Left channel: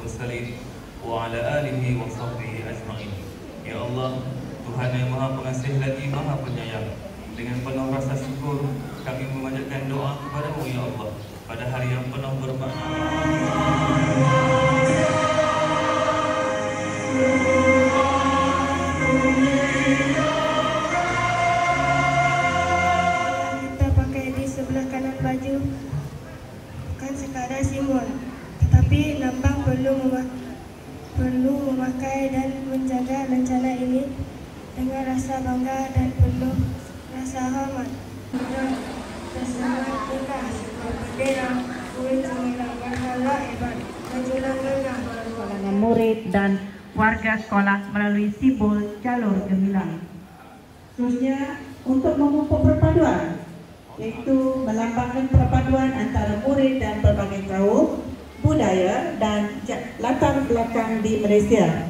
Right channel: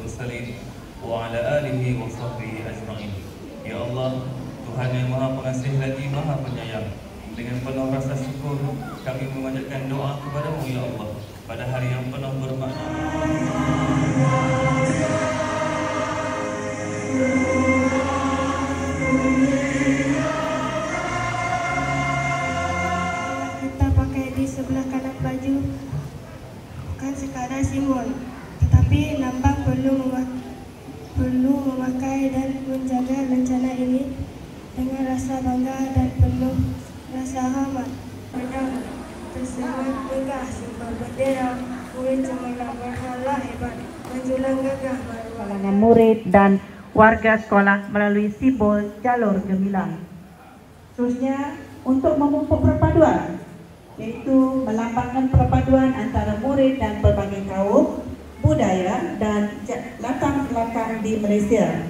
mursalin wa ala alihi wa sahbihi ajma'in. Ya Allah, Tuhan yang Maha Pengasih lagi Maha Penyayang, dengan penuh rasa syukur kami memanjatkan doa kepadamu ya Allah pada hari yang penuh bermakna. Kita pakai di sebelah kanan baju bukan sekadar simbol, tetapi lambang perlu memakai dan menjaga lencana ini dengan rasa bangga dan penuh rasa hormat. Tersemat indah bendera murid cemerlang berkala hebat majulah gagah murid dan warga sekolah melalui simbol jalur gemilang. Seterusnya untuk memupuk perpaduan, iaitu melambangkan perpaduan antara murid dan pelbagai kaum, budaya dan latar belakang di Malaysia.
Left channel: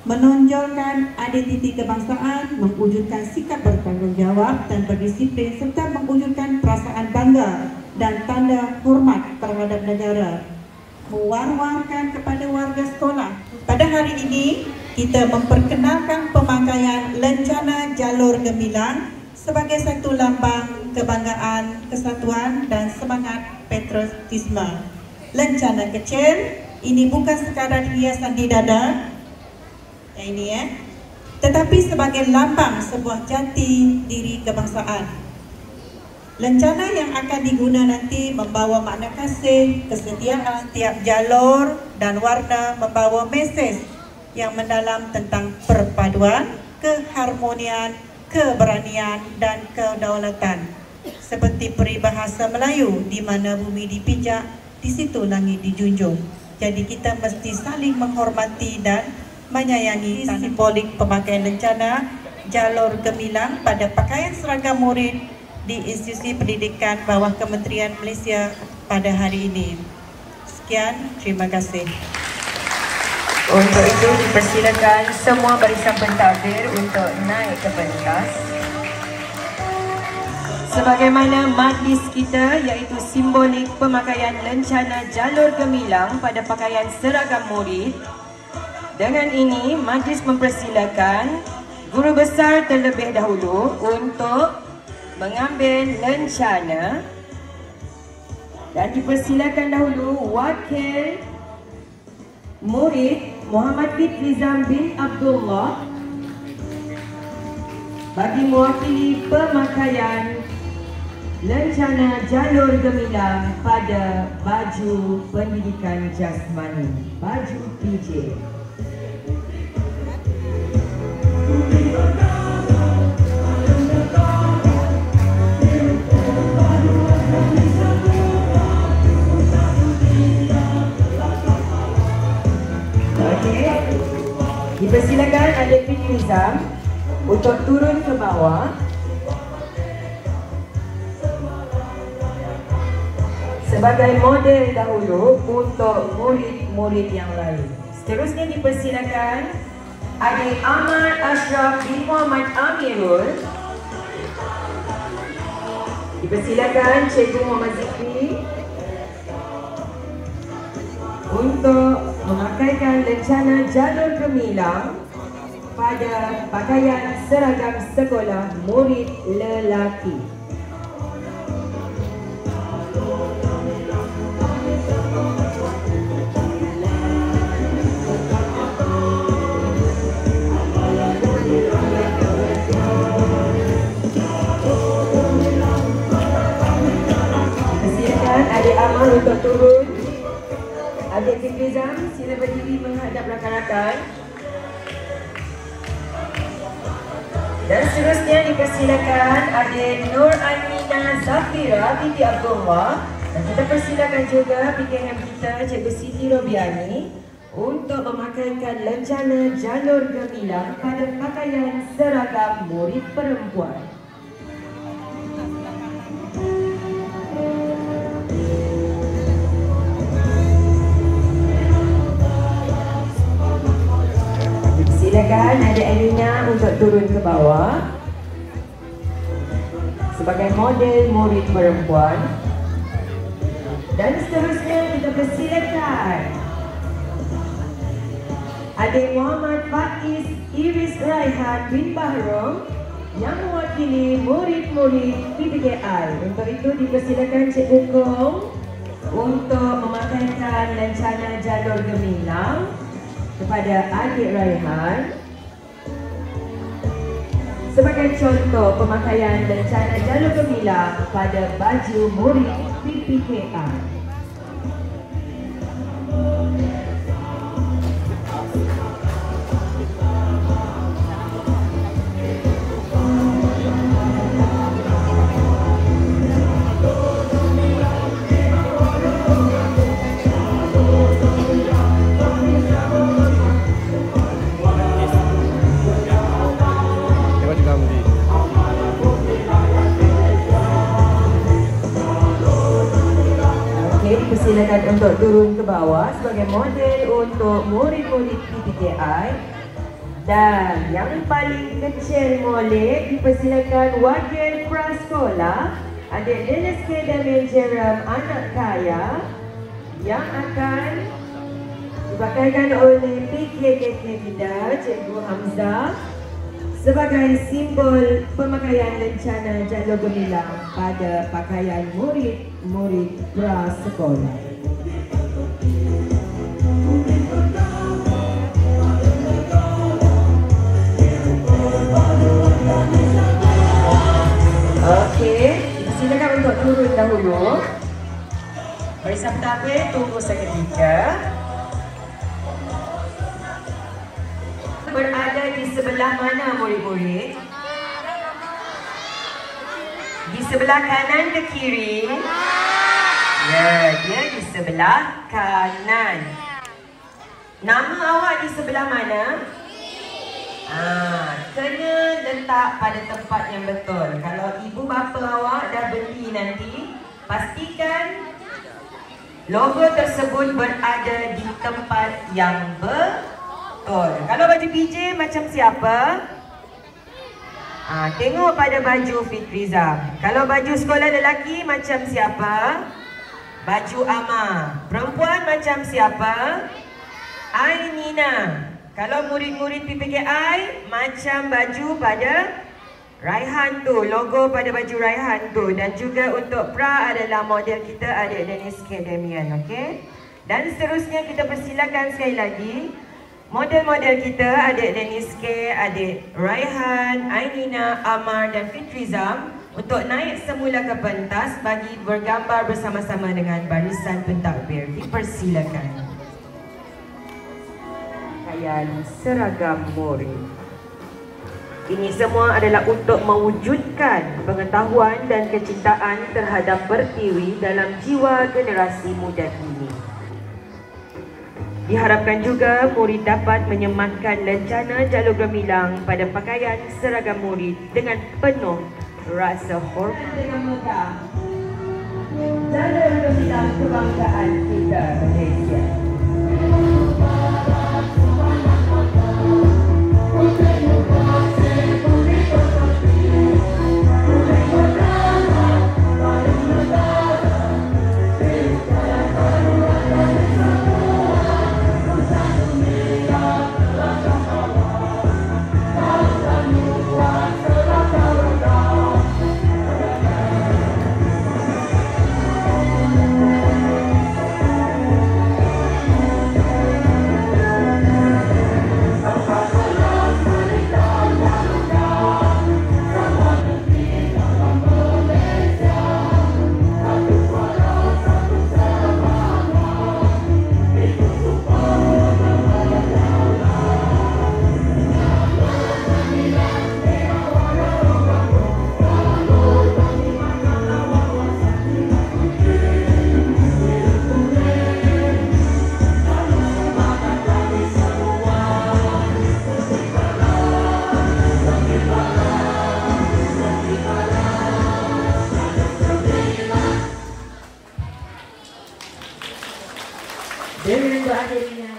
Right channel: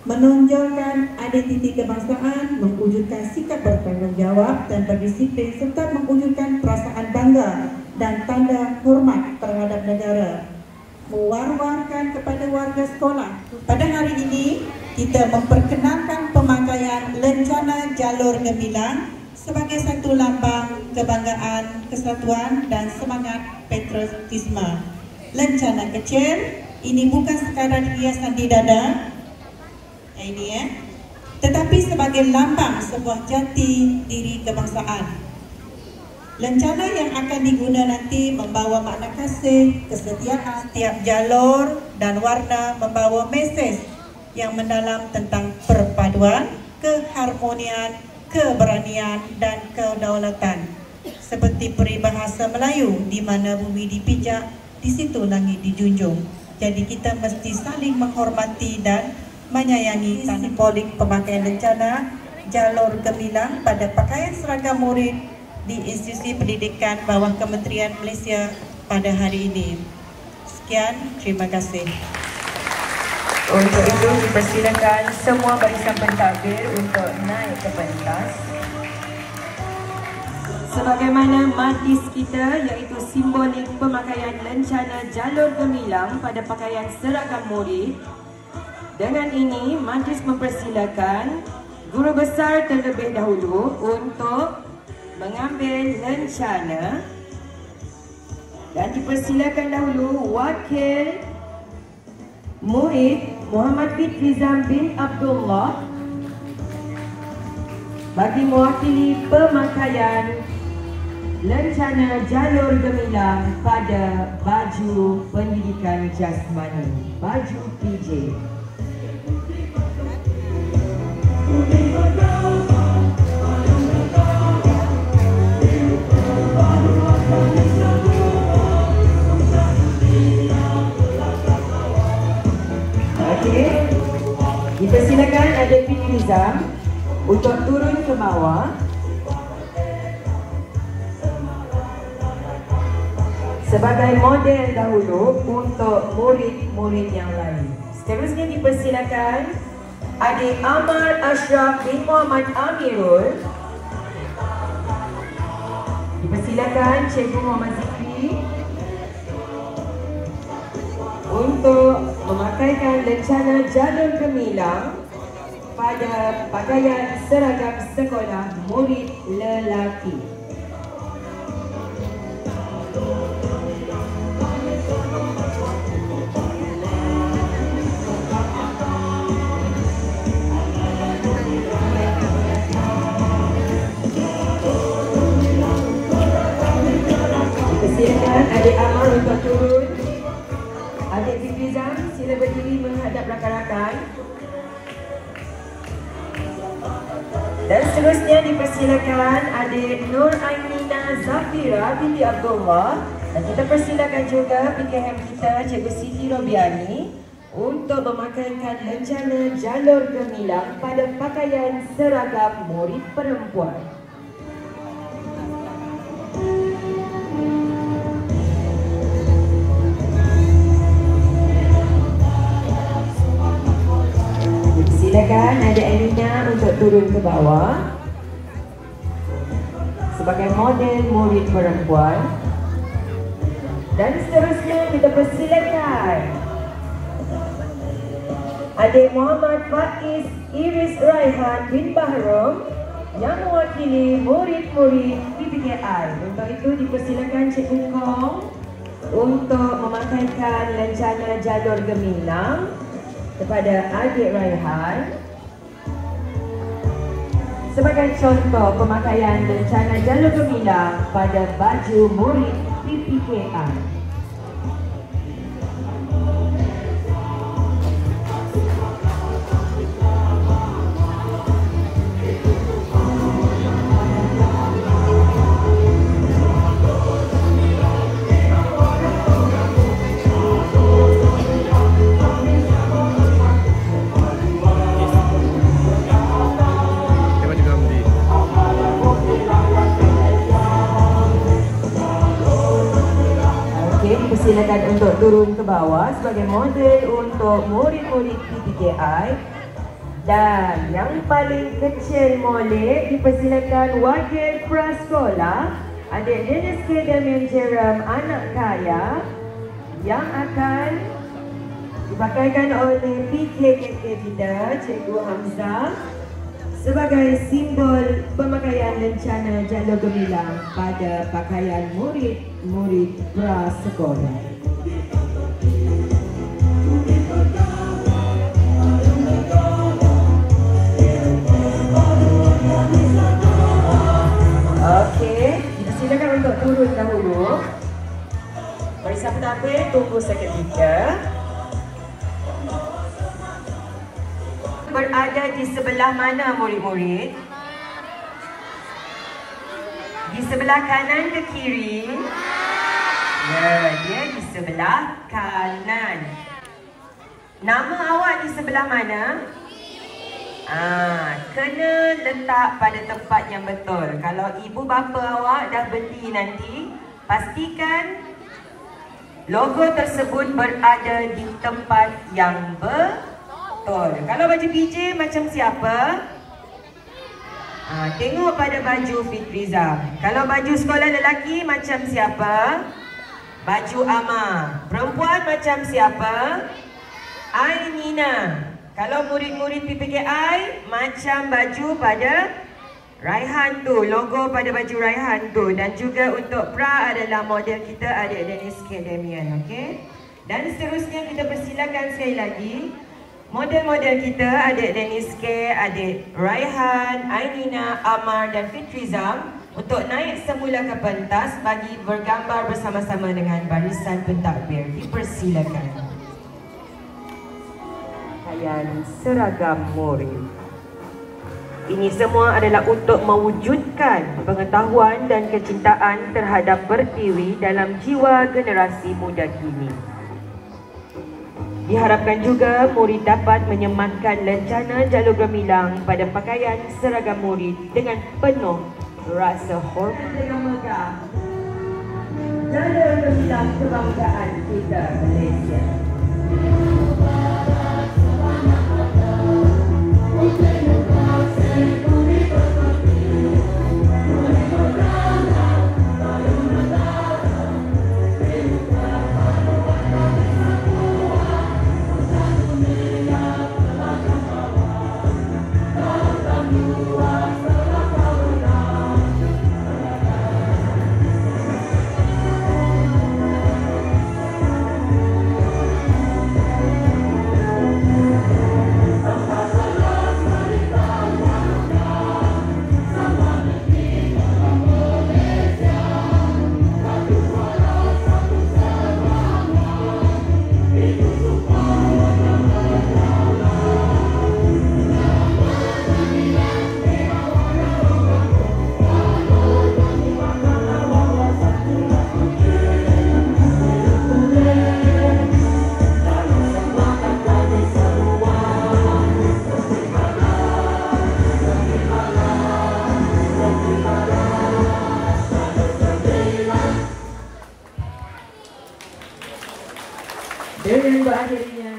Menonjolkan identiti kebangsaan, mewujudkan sikap bertanggungjawab dan berdisiplin serta mewujudkan perasaan bangga dan tanda hormat terhadap negara. Mewar-warkan kepada warga sekolah. Pada hari ini, kita memperkenalkan pemakaian lencana jalur gemilang sebagai satu lambang kebanggaan, kesatuan dan semangat patriotisme. Lencana kecil ini bukan sekadar hiasan di dada, tetapi sebagai lambang sebuah jati diri kebangsaan. Lencana yang akan diguna nanti membawa makna kasih, kesetiaan. Tiap jalur dan warna membawa mesej yang mendalam tentang perpaduan, keharmonian, keberanian dan kedaulatan. Seperti peribahasa Melayu, di mana bumi dipijak, di situ langit dijunjung. Jadi kita mesti saling menghormati dan menyayangi. Simbolik pemakaian lencana jalur gemilang pada pakaian seragam murid di institusi pendidikan bawah Kementerian Malaysia pada hari ini. Sekian, terima kasih. Untuk itu dipersilakan semua barisan pentadbir untuk naik ke pentas. Sebagaimana majlis kita, iaitu simbolik pemakaian lencana jalur gemilang pada pakaian seragam murid. Dengan ini, majlis mempersilakan guru besar terlebih dahulu untuk mengambil lencana dan dipersilakan dahulu wakil murid Muhammad Nizam bin Abdullah bagi mewakili pemakaian lencana jalur gemilang pada baju pendidikan jasmani, baju PJ. Dipersilakan Adik Bin Nizam untuk turun ke bawah sebagai model dahulu untuk murid-murid yang lain. Seterusnya dipersilakan Adik Ahmad Ashraf bin Muhammad Amirul. Dipersilakan Cikgu Muhammad Zikri untuk memakaikan lencana jalur gemilang pada pakaian seragam sekolah murid lelaki. Persilakan Adik Ahmad untuk turun. Adik Zikrizam, sila berdiri menghadap rakan-rakan. Dan seterusnya dipersilakan Adik Nur Amina Zafira binti Abdullah. Dan kita persilakan juga PKM kita Cikgu Siti Robiani untuk memakaikan lencana jalur gemilang pada pakaian seragam murid perempuan. Silakan Adik Elina untuk turun ke bawah sebagai model murid perempuan. Dan seterusnya kita persilakan Adik Muhammad Faiz Iris Raihan bin Bahrom yang mewakili murid-murid PPKI. Untuk itu dipersilakan Cikgu Kong untuk memakaikan lencana jalur gemilang kepada adik Raihan. Sebagai contoh pemakaian lencana jalur gemilang pada baju murid PPKI. Silakan untuk turun ke bawah sebagai model untuk murid-murid PPKI. Dan yang paling kecil molek dipersilakan wakil prasekolah adik Dennis K. Damian Jerem anak kaya yang akan dipakaikan oleh PKKT kita Cikgu Hamzah sebagai simbol pemakaian lencana jalur gemilang pada pakaian murid-murid prasekolah. Okey, silakan untuk turun dahulu. Barisan pentadbir tunggu seketika. Berada di sebelah mana murid-murid? Di sebelah kanan ke kiri? Ya, dia di sebelah kanan. Nama awak di sebelah mana? Kena letak pada tempat yang betul. Kalau ibu bapa awak dah beli nanti, pastikan logo tersebut berada di tempat yang betul. Kalau baju PJ macam siapa? Tengok pada baju Fitrizam. Kalau baju sekolah lelaki macam siapa? Baju Amar. Perempuan macam siapa? Ainina. Kalau murid-murid PPKI macam baju pada Raihan tu, logo pada baju Raihan tu. Dan juga untuk pra adalah model kita adik Dennis K. Damian, okey? Dan seterusnya kita persilakan sekali lagi model-model kita adik Dennis K, adik Raihan, Ainina, Amar dan Fitrizam untuk naik semula ke pentas bagi bergambar bersama-sama dengan barisan pentadbir. Dipersilakan. Pakaian seragam murid. Ini semua adalah untuk mewujudkan pengetahuan dan kecintaan terhadap Pertiwi dalam jiwa generasi muda kini. Diharapkan juga murid dapat menyematkan lencana jalur gemilang pada pakaian seragam murid dengan penuh rasa hormat dengan megah. Jalur gemilang kebanggaan kita Malaysia. Dengan akhirnya